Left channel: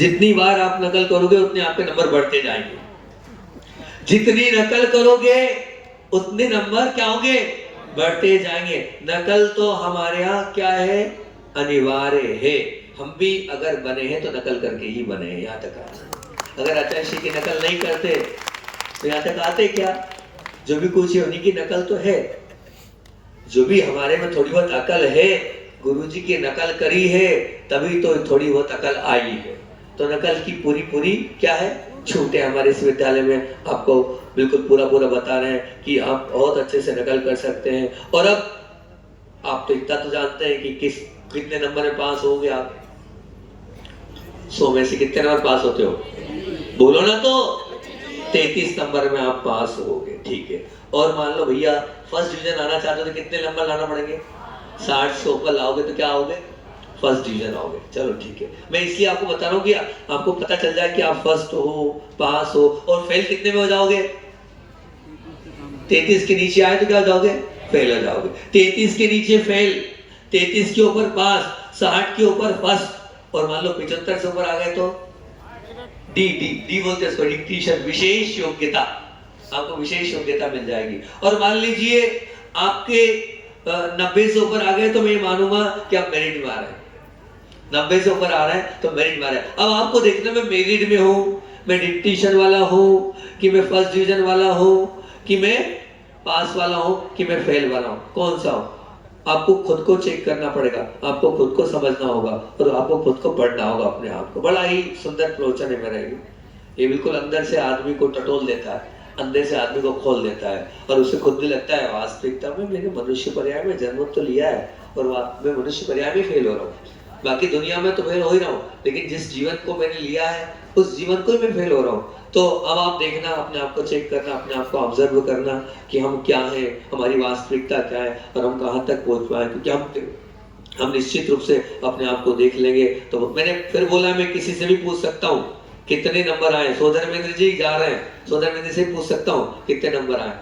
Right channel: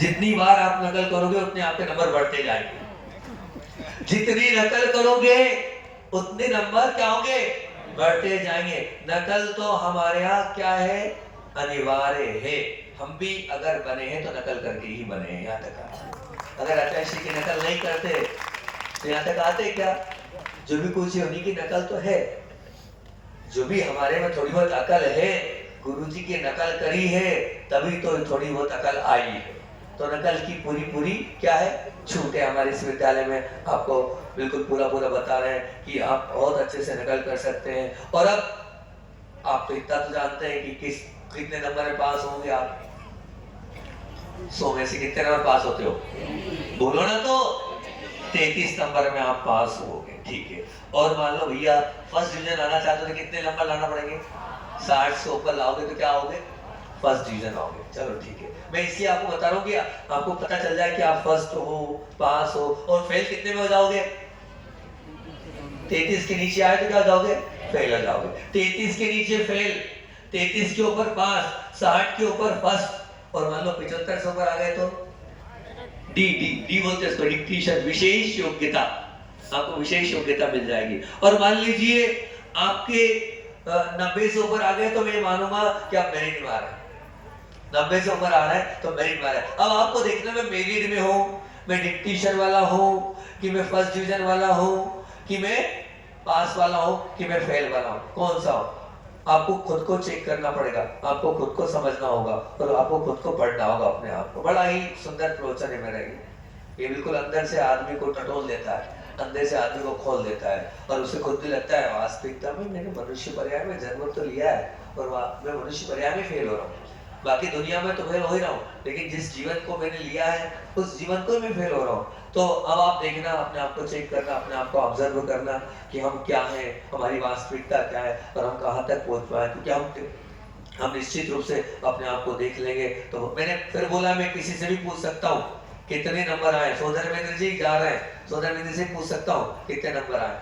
जितनी बार आप नकल करोगे उतने आपके नंबर बढ़ते जाएंगे, जितनी नकल करोगे उतने नंबर क्या होंगे, बढ़ते जाएंगे। नकल तो हमारे यहाँ क्या है, अनिवार्य है। हम भी अगर बने हैं तो नकल करके ही बने हैं, यहाँ तक। अगर आचार्य की नकल नहीं करते तो यहाँ तक आते क्या। जो भी कुछ है उन्हीं की नकल तो है। जो भी हमारे में थोड़ी बहुत अकल है, गुरुजी की नकल करी है, तभी तो थोड़ी बहुत अकल आई है। तो नकल की पूरी पूरी क्या है, छूट है। हमारे इस विद्यालय में आपको बिल्कुल पूरा पूरा बता रहे हैं कि आप बहुत अच्छे से नकल कर सकते हैं। और अब आप तो इतना तो जानते हैं कि कितने नंबर में पास होंगे आप। 100 में से कितने नंबर पास होते हो, बोलो ना। तो 33 नंबर में आप पास होगे, ठीक है। और मान लो भैया फर्स्ट डिवीजन आना चाहते हो तो कितने नंबर लाना पड़ेंगे, 60 पर लाओगे तो क्या आओगे, फर्स्ट डिवीजन आओगे। चलो ठीक है, मैं इसलिए आपको बता रहा हूँ कि आपको पता चल जाए कि आप फर्स्ट हो, पास हो। और फेल कितने में हो जाओगे, 33 के नीचे आए तो क्या हो जाओगे, फेल हो जाओगे। 33 के नीचे फेल, 33 के ऊपर पास, 60 के ऊपर फर्स्ट, और मान लो 75 से ऊपर आ गए तो डी डी डी बोलते हैं इसको, डिक्टेशन, विशेष योग्यता। आपको विशेष योग्यता मिल जाएगी। और मान लीजिए आपके 90 से ऊपर आ गए तो मैं मानूंगा कि आप मेरिट में आ रहे हैं। 90 से ऊपर आ रहे हैं तो मेरिट में आ रहे हैं। अब आपको देखना मैं मेरिट में हूँ, मैं डिक्टेशन वाला हूँ, कि मैं फर्स्ट डिवीजन वाला हूँ, कि मैं पास वाला हूँ, कि मैं फेल वाला हूँ, कौन सा हूँ। आपको खुद को चेक करना पड़ेगा, आपको खुद को समझना होगा, और आपको खुद को पढ़ना होगा अपने आप को। बड़ा ही सुंदर प्रवचन है मेरा ये बिल्कुल अंदर से आदमी को टटोल देता है, अंदर से आदमी को खोल देता है, और उसे खुद भी लगता है वास्तविकता में मैंने मनुष्य पर्याय में जन्म तो लिया है, और मैं मनुष्य पर्याय में फेल हो रहा हूँ। बाकी दुनिया में तो फेल हो ही रहा हूँ, लेकिन जिस जीवन को मैंने लिया है उस जीवन को ही मैं फेल हो रहा हूँ। तो अब आप देखना, अपने आप को चेक करना, अपने आप को ऑब्जर्व करना कि हम क्या हैं, हमारी वास्तविकता क्या है, और हम कहाँ तक पहुँच पाए। क्योंकि हम निश्चित रूप से अपने आप को देख लेंगे। तो मैंने फिर बोला मैं किसी से भी पूछ सकता हूँ कितने नंबर आए। धर्मेंद्र जी जा रहे हैं, धर्मेंद्र से पूछ सकता हूँ कितने नंबर आए।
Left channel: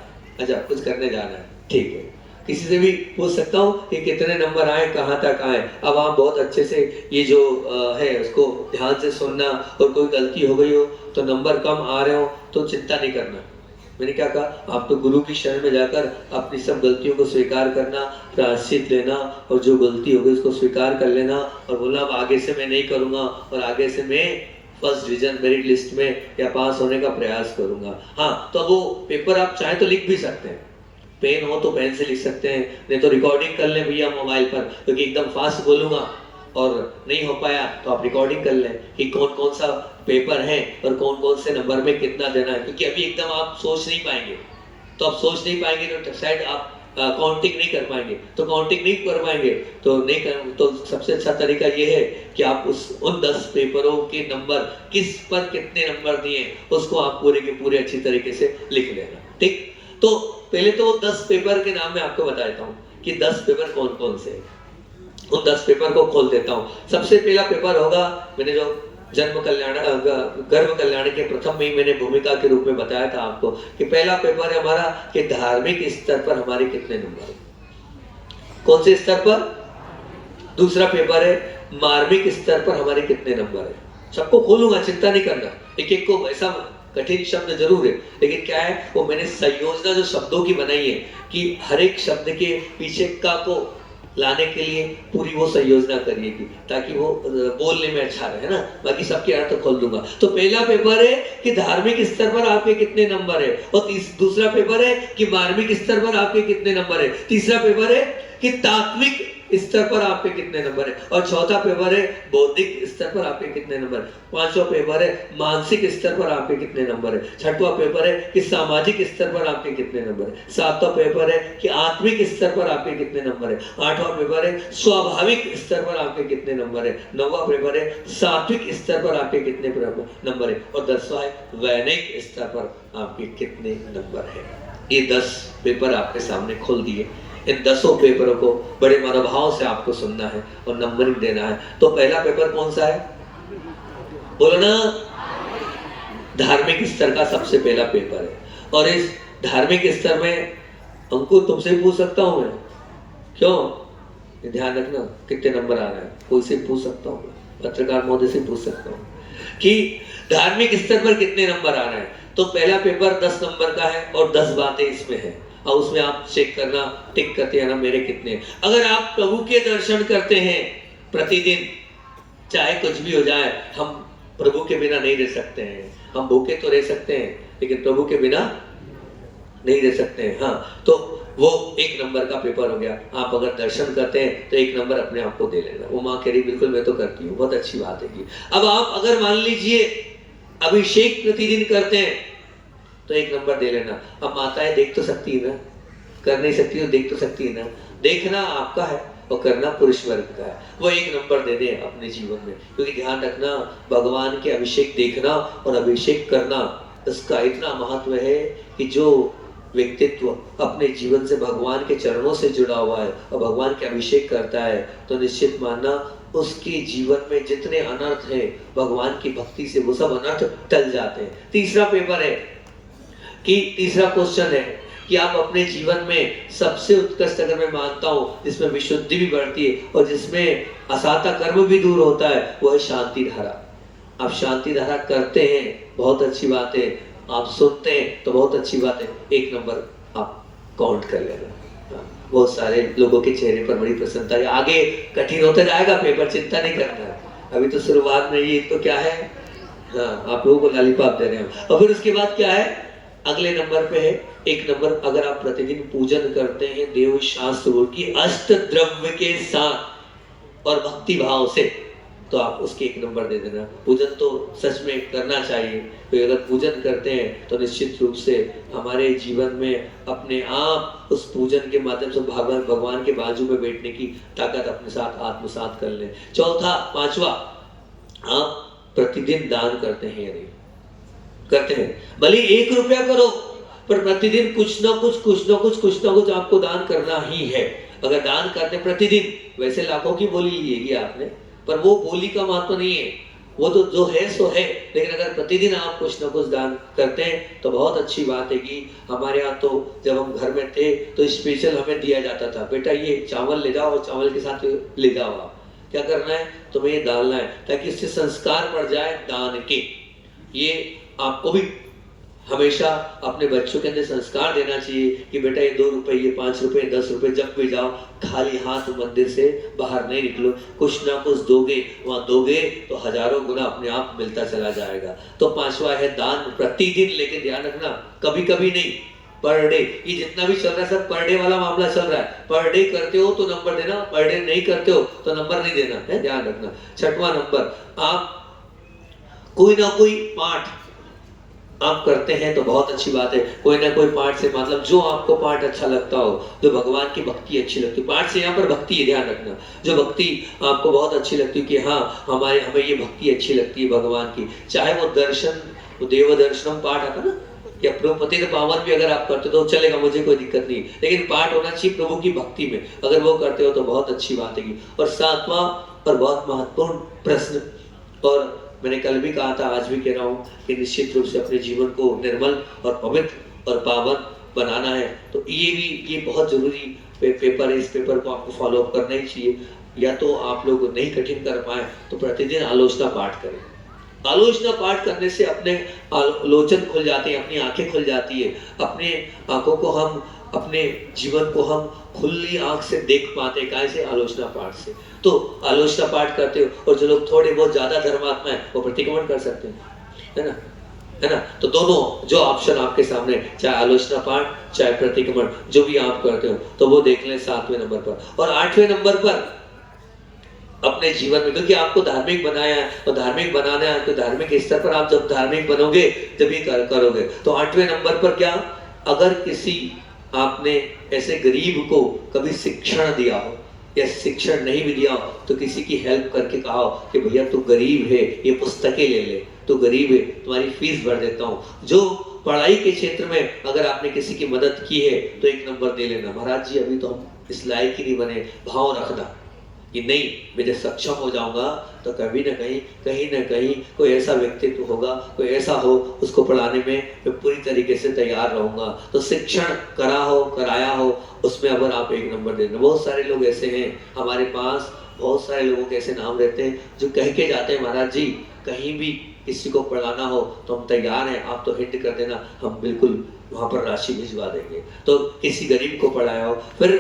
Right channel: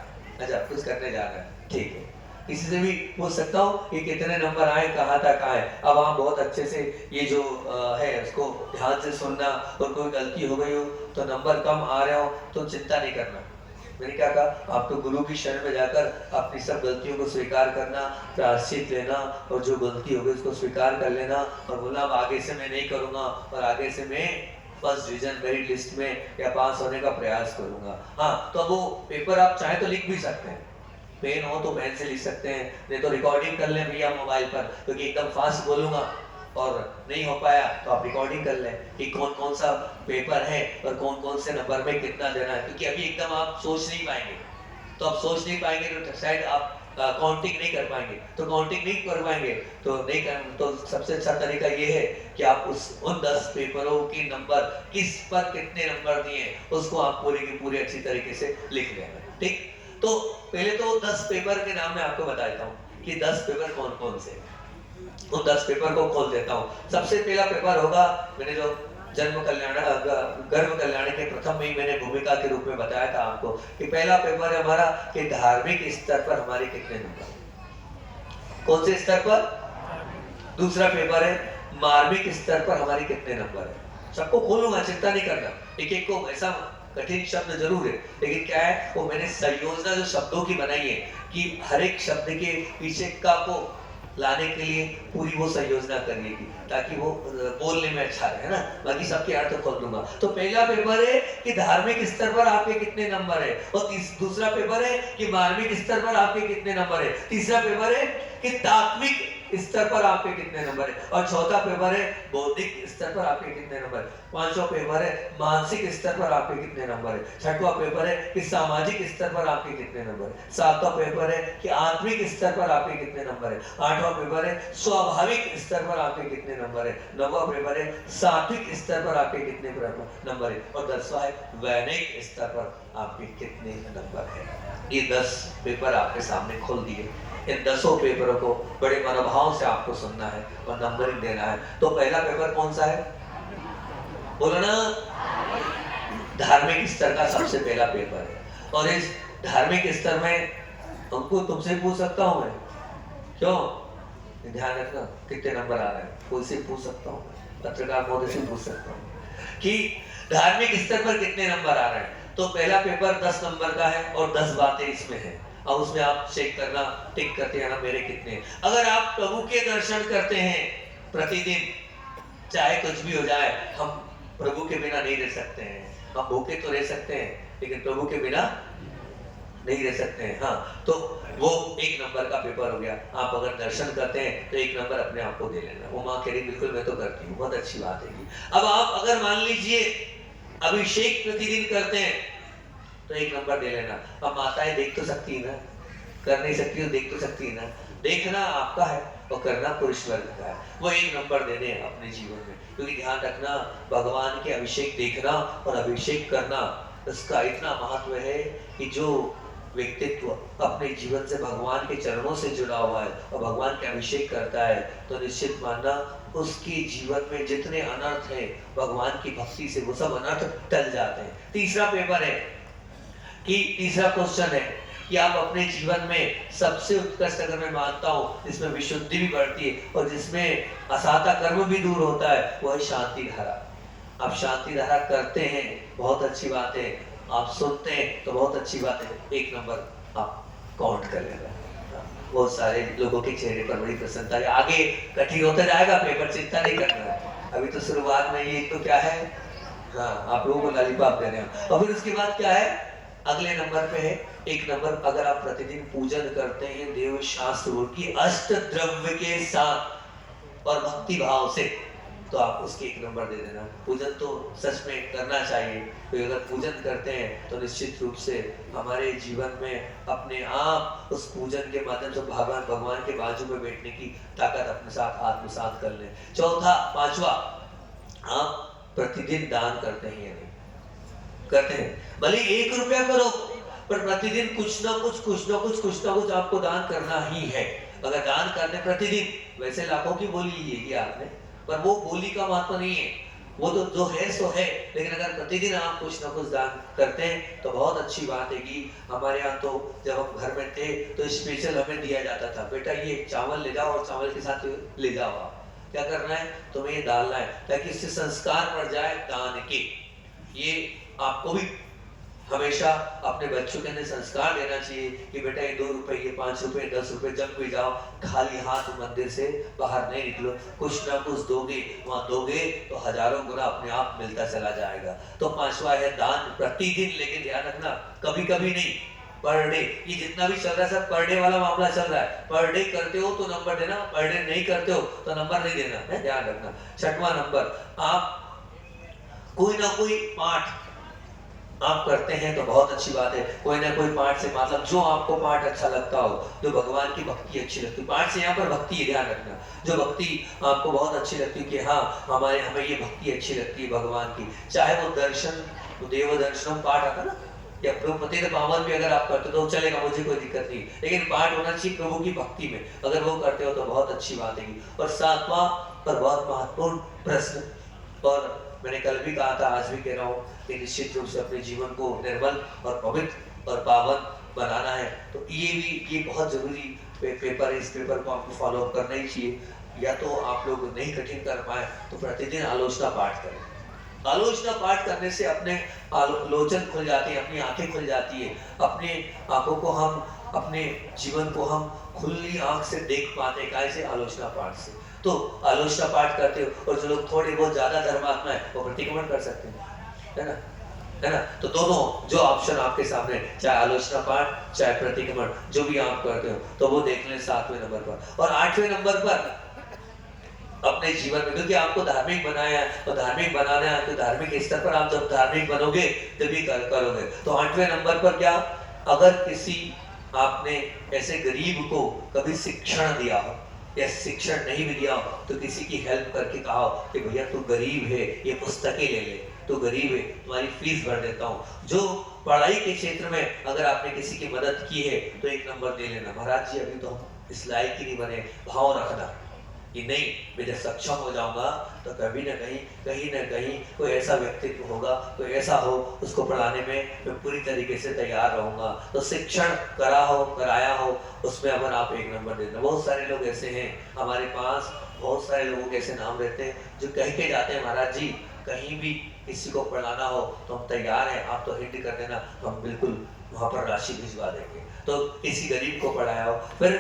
अच्छा, कुछ करने जा रहे हैं, ठीक है। किसी से भी पूछ सकता हूँ कि कितने नंबर आए, कहाँ तक आए। अब आप बहुत अच्छे से ये जो है उसको ध्यान से सुनना, और कोई गलती हो गई हो तो नंबर कम आ रहे हो तो चिंता नहीं करना। मैंने क्या कहा, आप तो गुरु की शरण में जाकर अपनी सब गलतियों को स्वीकार करना, प्रायश्चित लेना, और जो गलती हो गई उसको स्वीकार कर लेना, और बोलना अब आगे से मैं नहीं करूंगा, और आगे से मैं फर्स्ट डिवीजन मेरिट लिस्ट में या पास होने का प्रयास करूंगा। हाँ, तो वो पेपर आप चाहे तो लिख भी सकते हैं, पेन हो तो पेन से लिख सकते हैं, नहीं तो रिकॉर्डिंग कर लें भैया मोबाइल पर, क्योंकि एकदम फास्ट बोलूंगा और नहीं हो पाया तो आप रिकॉर्डिंग कर लें कि कौन कौन सा पेपर है और कौन कौन से नंबर में कितना देना है। क्योंकि अभी एकदम आप सोच नहीं पाएंगे, तो आप सोच नहीं पाएंगे तो शायद आप काउंटिंग नहीं कर पाएंगे, तो काउंटिंग नहीं कर पाएंगे तो नहीं कर, तो सबसे अच्छा तरीका ये है कि आप उन 10 पेपरों के नंबर, किस पर कितने नंबर दिए, उसको आप पूरे के पूरे अच्छी तरीके से लिख लेना। ठीक, तो पहले तो 10 पेपर के नाम मैं आपको बता देता हूँ कि 10 पेपर कौन कौन से। उन 10 पेपर को खोल देता हूँ। सबसे पहला पेपर होगा, मैंने जो जन्म कल्याण गर्भ कल्याण के प्रथम में ही मैंने भूमिका के रूप में बताया था आपको कि पहला पेपर है हमारा कि धार्मिक स्तर पर हमारे कितने नंबर, कौन से स्तर पर। दूसरा पेपर है मार्मिक स्तर पर हमारे कितने नंबर है। सबको खोलूंगा, चिंता नहीं करना, एक एक को। ऐसा कठिन शब्द जरूर है, लेकिन क्या है वो मैंने संयोजना जो शब्दों की बनाई है कि हर एक शब्द के पीछे का को लाने के लिए पूरी वो संयोजना करिएगी ताकि वो बोलने में अच्छा रहे, है ना। बाकी सबके अर्थ खोल दूंगा। तो पहला पेपर है कि धार्मिक स्तर पर आपके कितने नंबर है, और दूसरा पेपर है कि मार्मिक स्तर पर आपके कितने नंबर है। तीसरा पेपर है कि तात्विक स्तर पर आपके कितने नंबर है, और चौथा पेपर है बौद्धिक स्तर पर आपके कितने नंबर है। पांचवा पेपर है मानसिक स्तर पर आपके कितने नंबर है। छठवां पेपर है कि सामाजिक स्तर पर आपके कितने नंबर है। सातवां पेपर है कि आत्मिक स्तर पर आपके कितने नंबर है। आठवां पेपर है स्वाभाविक स्तर पर आपके कितने नंबर है। नौवां पेपर है सात्विक स्तर पर आपके कितने नंबर है, और 10वां है वैनिक स्तर पर आपके कितने नंबर है। ये 10 पेपर आपके सामने खोल दिए। इन 10 पेपरों को बड़े मनोभाव से आपको सुनना है और नंबरिंग देना है। तो पहला पेपर कौन सा है, बोलो ना, धार्मिक स्तर का सबसे पहला पेपर है। और इस धार्मिक स्तर में अंकुर तुमसे पूछ सकता हूं मैं, क्यों, ध्यान रखना कितने नंबर आ रहे हैं, कोई से पूछ सकता हूँ, पत्रकार महोदय से पूछ सकता हूँ। कि धार्मिक स्तर पर कितने नंबर आ रहे हैं। तो पहला पेपर 10 नंबर का है और 10 बातें इसमें हैं, और उसमें आप चेक करना, टिक करते हैं ना मेरे कितने। अगर आप प्रभु के दर्शन करते हैं प्रतिदिन, चाहे कुछ भी हो जाए, हम प्रभु के बिना नहीं रह सकते हैं। हम भूखे तो रह सकते हैं, लेकिन प्रभु के बिना नहीं रह सकते हैं। हाँ, तो वो 1 नंबर का पेपर हो गया। आप अगर दर्शन करते हैं तो 1 नंबर अपने आप को दे लेना। वो माँ कह रही बिल्कुल मैं तो करती हूँ, बहुत अच्छी बात है। अब आप अगर मान लीजिए अभिषेक प्रतिदिन करते हैं तो 1 नंबर दे लेना। अब माताएं देख तो सकती है ना, कर नहीं सकती तो देख तो सकती है ना। देखना आपका है और करना पुरुष वर्ग का है। वो 1 नंबर दे दें अपने जीवन में, क्योंकि ध्यान रखना, भगवान के अभिषेक देखना और अभिषेक करना, इसका इतना महत्व है कि जो व्यक्तित्व अपने जीवन से भगवान के चरणों से जुड़ा हुआ है और भगवान के अभिषेक करता है, तो निश्चित मानना उसके जीवन में जितने अनर्थ हैं, भगवान की भक्ति से वो सब अनर्थ टल जाते हैं। तीसरा पेपर है कि तीसरा क्वेश्चन है कि आप अपने जीवन में सबसे उत्कृष्ट, अगर मैं मानता हूँ, जिसमें विशुद्धि भी बढ़ती है और जिसमें असाता कर्म भी दूर होता है, वो है शांति धारा। आप शांति धारा करते हैं, बहुत अच्छी बात है। आप सुनते हैं तो बहुत अच्छी बात है। 1 नंबर आप काउंट कर लेना। बहुत सारे लोगों के चेहरे पर बड़ी प्रसन्नता है। आगे कठिन होता जाएगा पेपर, चिंता नहीं करना, अभी तो शुरुआत में ही तो क्या है, हाँ, आप लोगों को लॉलीपॉप दे रहे हो। और फिर उसके बाद क्या है, अगले नंबर पे है 1 नंबर, अगर आप प्रतिदिन पूजन करते हैं देव शास्त्रों की अष्ट द्रव्य के साथ और भक्ति भाव से, तो आप उसके 1 नंबर दे देना। पूजन तो सच में करना चाहिए, तो अगर पूजन करते हैं तो निश्चित रूप से हमारे जीवन में अपने आप उस पूजन के माध्यम से भगवान के बाजू में बैठने की ताकत अपने साथ आत्मसात कर लें। चौथा, पांचवा, आप प्रतिदिन दान करते हैं या नहीं करते हैं? भले 1 रुपया करो, पर प्रतिदिन कुछ ना कुछ आपको दान करना ही है। अगर दान करते प्रतिदिन, वैसे लाखों की बोली लिएगी आपने, पर वो बोली का महत्व नहीं है, वो तो जो है सो है। लेकिन अगर प्रतिदिन आप कुछ ना कुछ दान करते हैं तो बहुत अच्छी बात है। कि हमारे यहाँ तो जब हम घर में थे तो स्पेशल हमें दिया जाता था, बेटा ये चावल ले जाओ और चावल के साथ ले जाओ, क्या करना है तुम्हें, ये डालना है, ताकि इससे संस्कार बढ़ जाए दान के। ये आपको भी हमेशा अपने बच्चों के अंदर संस्कार देना चाहिए कि बेटा ये 2 रुपए, ये 5 रुपए, 10 रुपए, जब भी जाओ खाली हाथ मंदिर से बाहर नहीं निकलो, कुछ ना कुछ दोगे, वहां दोगे तो हजारों गुना अपने आप मिलता चला जाएगा। तो 5वां है दान प्रतिदिन, लेकिन ध्यान रखना कभी कभी नहीं, पर डे। ये जितना भी चल रहा है सब पर डे वाला मामला चल रहा है। पर डे करते हो तो नंबर देना, पर डे नहीं करते हो तो नंबर नहीं देना है, ध्यान रखना। 6वां नंबर, आप कोई ना कोई पाठ आप करते हैं तो बहुत अच्छी बात है। कोई ना कोई पाठ से, मतलब जो आपको पाठ अच्छा लगता हो, जो भगवान की भक्ति अच्छी लगती है, पाठ से यहाँ पर भक्ति है, ध्यान रखना, जो भक्ति आपको बहुत अच्छी लगती है कि हाँ हमें ये भक्ति अच्छी लगती है भगवान की, चाहे वो दर्शन, वो देव दर्शनम पाठ आता ना, या प्रभुपति पावन भी अगर आप करते हो तो चलेगा, मुझे कोई दिक्कत नहीं, लेकिन पाठ होना चाहिए प्रभु की भक्ति में, अगर वो करते हो तो बहुत अच्छी बात है। और 7वां और बहुत महत्वपूर्ण प्रश्न, और मैंने कल भी कहा था, आज भी कह रहा हूँ कि निश्चित रूप से अपने जीवन को निर्मल और पवित्र और पावन बनाना है। तो ये बहुत जरूरी पेपर है। इस पेपर को आपको फॉलो अप करना ही चाहिए। या तो आप लोग नहीं कठिन कर पाए तो प्रतिदिन आलोचना पाठ करें। आलोचना पाठ करने से अपने लोचन खुल जाते हैं, अपनी आंखें खुल जाती है, अपने आंखों को हम, अपने जीवन को हम खुली आंख से देख पाते हैं। कैसे? आलोचना पाठ से। तो आलोचना पाठ करते हो, और जो लोग थोड़े बहुत ज्यादा धर्मात्मा है वो प्रतिक्रमण कर सकते हैं, है ना। तो दोनों जो ऑप्शन आपके सामने, चाहे आलोचना पाठ चाहे प्रतिक्रमण, जो भी आप करते हो तो वो देख लें 7वें नंबर पर। और 8वें नंबर पर अपने जीवन में, क्योंकि आपको धार्मिक बनाया है, तो धार्मिक बनाना है तो धार्मिक स्तर पर आप जब धार्मिक बनोगे तभी करोगे। तो 8वें नंबर पर क्या, अगर किसी आपने ऐसे गरीब को कभी शिक्षण दिया हो या शिक्षण नहीं भी दिया हो, तो किसी की हेल्प करके कहा हो कि भैया तू गरीब है, ये पुस्तकें ले ले, तू गरीब है, तुम्हारी फीस भर देता हूँ। जो पढ़ाई के क्षेत्र में अगर आपने किसी की मदद की है तो 1 नंबर दे लेना। महाराज जी अभी तो हम इस लायक ही नहीं बने, भाव रखना कि नहीं, मैं जब सक्षम हो जाऊंगा तो कभी ना कहीं कोई ऐसा व्यक्तित्व होगा, कोई ऐसा हो, उसको पढ़ाने में मैं पूरी तरीके से तैयार रहूंगा। तो शिक्षण कराया हो उसमें अगर आप 1 नंबर देना। बहुत सारे लोग ऐसे हैं हमारे पास, बहुत सारे लोगों के ऐसे नाम रहते हैं जो कह के जाते हैं महाराज जी कहीं भी किसी को पढ़ाना हो तो हम तैयार हैं, आप तो हिट कर देना, हम बिल्कुल वहां पर राशि भिजवा देंगे। तो किसी गरीब को पढ़ाया हो। फिर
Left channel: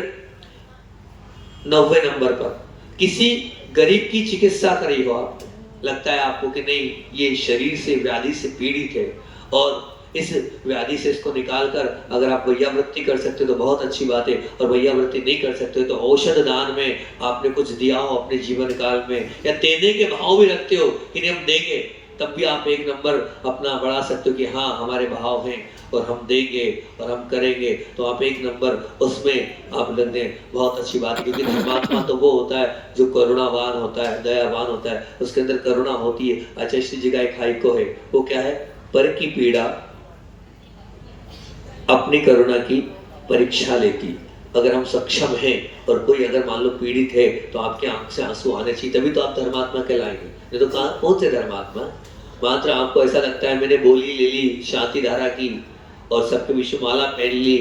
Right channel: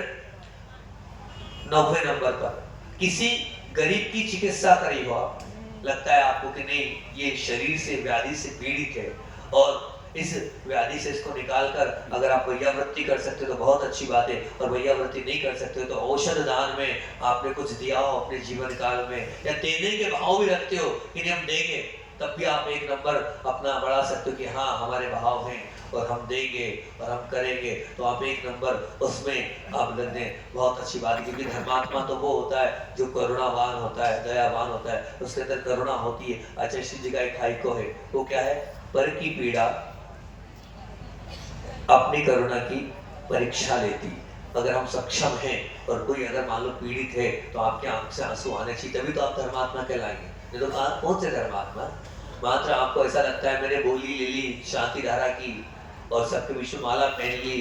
9वें नंबर पर किसी गरीब की चिकित्सा करी हो, आप लगता है आपको कि नहीं ये शरीर से व्याधि से पीड़ित है और इस व्याधि से इसको निकाल कर अगर आप भैया वृत्ति कर सकते हो तो बहुत अच्छी बात है, और भैया वृत्ति नहीं कर सकते हो तो औषध दान में आपने कुछ दिया हो अपने जीवन काल में, या देने के भाव भी रखते हो कि नहीं हम देंगे, तब भी आप एक नंबर अपना बढ़ा सकते हो कि हाँ हमारे भाव हैं और हम देंगे और हम करेंगे, तो आप एक नंबर उसमें आप लग दें, बहुत अच्छी बात है। क्योंकि धर्मात्मा तो वो होता है जो करुणावान होता है, दयावान होता है, उसके अंदर करुणा होती है। अच्छा, श्री जी का एक हाइको है, वो क्या है? पर की पीड़ा अपनी करुणा की परीक्षा लेती। अगर हम सक्षम हैं और कोई अगर मान लो पीड़ित है तो आपके आंख से आंसू आने चाहिए, तभी तो आप धर्मात्मा कहलाएंगे। नहीं तो कहाँ कौन से धर्मात्मा? मात्र आपको ऐसा लगता है मैंने बोली ले ली शांति धारा की और सबके विश्व माला पहन ली,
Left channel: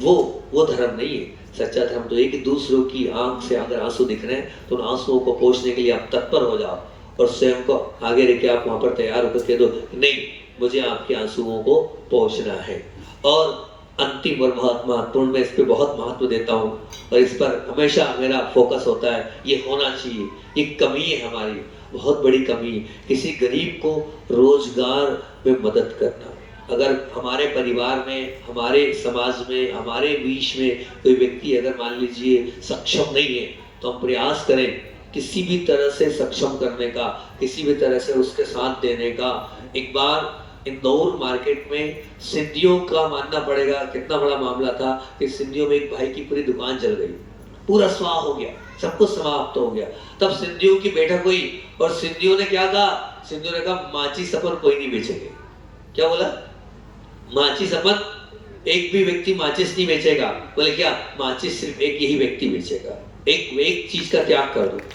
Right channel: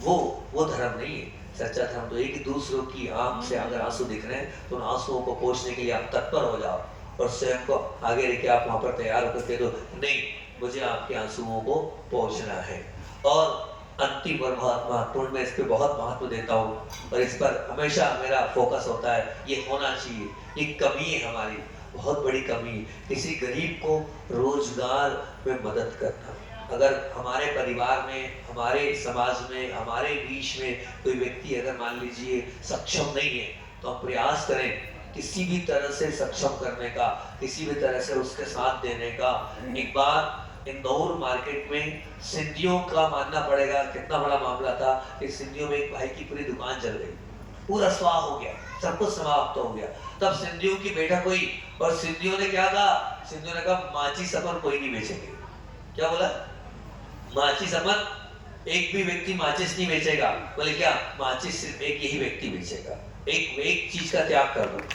वो धर्म नहीं है। सच्चा धर्म तो ये कि दूसरों की आंख से अगर आंसू दिख रहे हैं तो उन आंसुओं को पोंछने के लिए आप तत्पर हो जाओ और स्वयं को आगे लेके आप वहां पर तैयार होकर कह दो नहीं मुझे आपके आंसुओं को पोंछना है। और अंतिम और बहुत महत्वपूर्ण, मैं इस पे बहुत महत्व देता हूँ और इस पर हमेशा मेरा फोकस होता है, ये होना चाहिए। ये कमी है हमारी, बहुत बड़ी कमी। किसी गरीब को रोजगार में मदद करना। अगर हमारे परिवार में, हमारे समाज में, हमारे बीच में कोई व्यक्ति अगर मान लीजिए सक्षम नहीं है तो हम प्रयास करें किसी भी तरह से सक्षम करने का, किसी भी तरह से उसके साथ देने का। एक बार इंदौर मार्केट में सिंधियों का मानना पड़ेगा कितना बड़ा मामला था कि सिंधियों में एक भाई की पूरी दुकान जल गई, पूरा स्वाह हो गया, सब कुछ समाप्त हो गया। तब सिंधियों की बैठक हुई और सिंधियों ने क्या कहा? सिंधियों ने कहा माचिस अपन कोई नहीं बेचेंगे। क्या बोला? माचिस अपन एक भी व्यक्ति माचिस नहीं बेचेगा। बोले क्या? माचिस सिर्फ एक यही व्यक्ति बेचेगा, एक चीज का त्याग कर दो।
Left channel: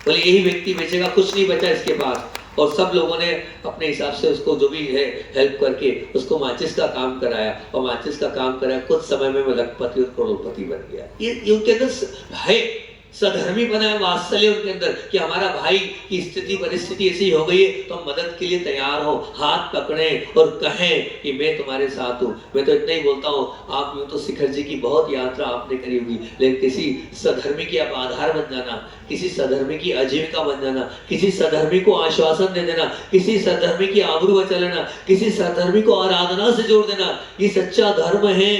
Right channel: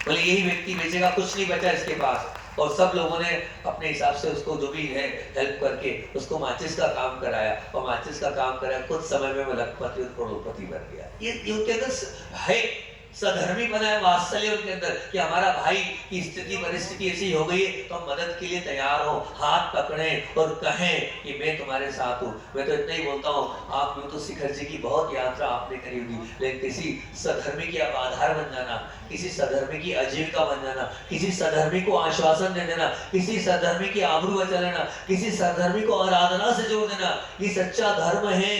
बोले यही व्यक्ति बेचेगा, कुछ नहीं बचा इसके पास। और सब लोगों ने अपने हिसाब से उसको जो भी है हेल्प करके उसको माचिस का काम कराया और माचिस का काम कराया, कुछ समय में वो लखपति और करोड़पति बन गया। ये उनके अंदर है, सधर्मी बना है, वात्सल्य उनके अंदर कि हमारा भाई की स्थिति परिस्थिति ऐसी हो गई है तो हम मदद के लिए तैयार हो, हाथ पकड़े और कहें कि मैं तुम्हारे साथ हूँ। मैं तो इतना ही बोलता हूँ, आप यूं तो शिखर जी की बहुत यात्रा आपने करी होगी, लेकिन किसी सधर्मी की आप आधार बन जाना, किसी सधर्मी की आजीविका बन जाना, किसी सधर्मी को आश्वासन दे देना, किसी सधर्मी की आबरू बचा लेना, किसी सधर्मी को आराधना से जोड़ देना, ये सच्चा धर्म है।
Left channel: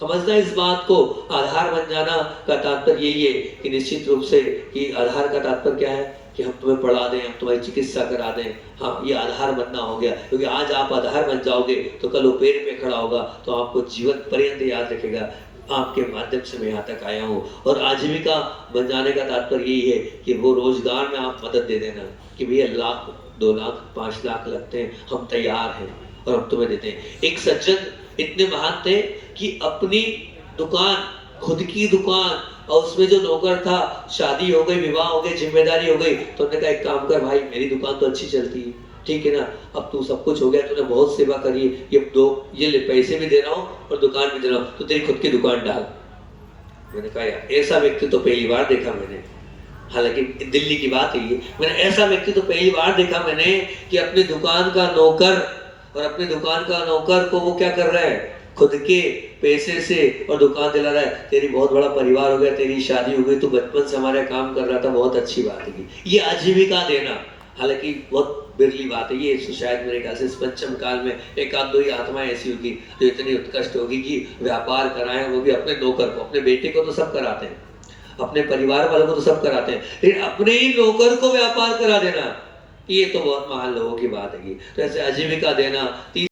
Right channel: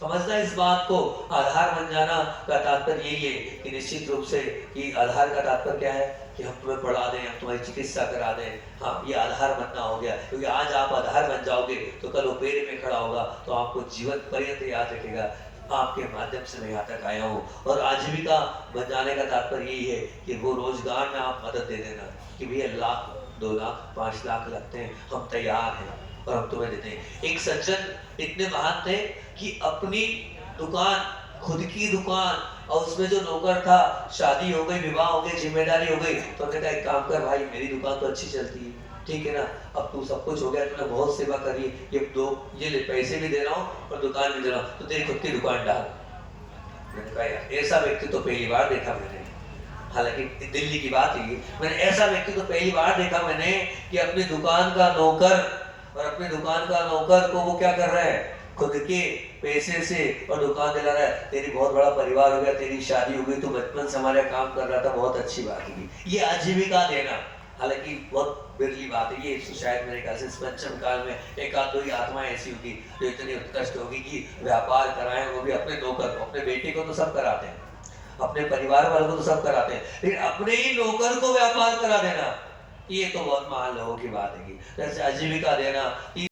समझना इस बात को। आधार बन जाना का तात्पर्य यही है कि निश्चित रूप से कि आधार का तात्पर्य क्या है कि हम तुम्हें पढ़ा दें, हम तुम्हारी चिकित्सा करा दें। हाँ, ये आधार बनना हो गया, क्योंकि आज आप आधार बन जाओगे तो कल वो पैर पे खड़ा होगा तो आपको जीवन पर्यंत याद रखेगा आपके माध्यम से मैं यहाँ तक आया हूँ। और आजीविका बन जाने का तात्पर्य यही है कि वो रोजगार में आप मदद दे देना कि भैया 1 लाख 2 लाख 5 लाख लगते हैं, हम तैयार हैं और हम तुम्हें देते हैं। एक सज्जन इतने महान थे कि अपनी दुकान, खुद की दुकान, और उसमें जो नौकर था, शादी हो गई, विवाह हो गई, जिम्मेदारी हो गई, तो उन्होंने कहा एक काम कर भाई, मेरी दुकान तो अच्छी चलती है, ठीक है ना, अब तू सब कुछ हो गया, तूने बहुत सेवा करी, ये ले पैसे भी दे रहा हूँ और दुकान भी दे रहा हूँ, तो तेरी खुद की दुकान डाल। मैंने कहा यार ऐसा व्यक्ति तो पहली बार देखा मैंने, हालांकि दिल्ली की बात है ये, मैंने ऐसा व्यक्ति तो पहली बार देखा मैंने कि अपनी दुकान का नौकर और अपनी दुकान का नौकर को वो क्या कर रहा है, खुद के पैसे से और दुकान दिला रहा है। तेरी बहुत बड़ा परिवार हो गया, तेरी शादी हो गई, तू बचपन से हमारे काम कर रहा था, बहुत अच्छी बात है। ये आजीविका देना, हालांकि बहुत बिरली बात है ये, शायद मेरे ख्याल से इस पंचम काल में 1-2 ही आत्माएं ऐसी होगी जो इतनी उत्कृष्ट होगी कि व्यापार कराएं, वो भी अपने नौकर को। अपने बेटे को तो सब कराते हैं, अपने परिवार वालों को तो सब कराते हैं, लेकिन अपने ही नौकर को व्यापार करा देना, ये तो बहुत महान लोगों की बात है। तो ऐसे आजीविका देना।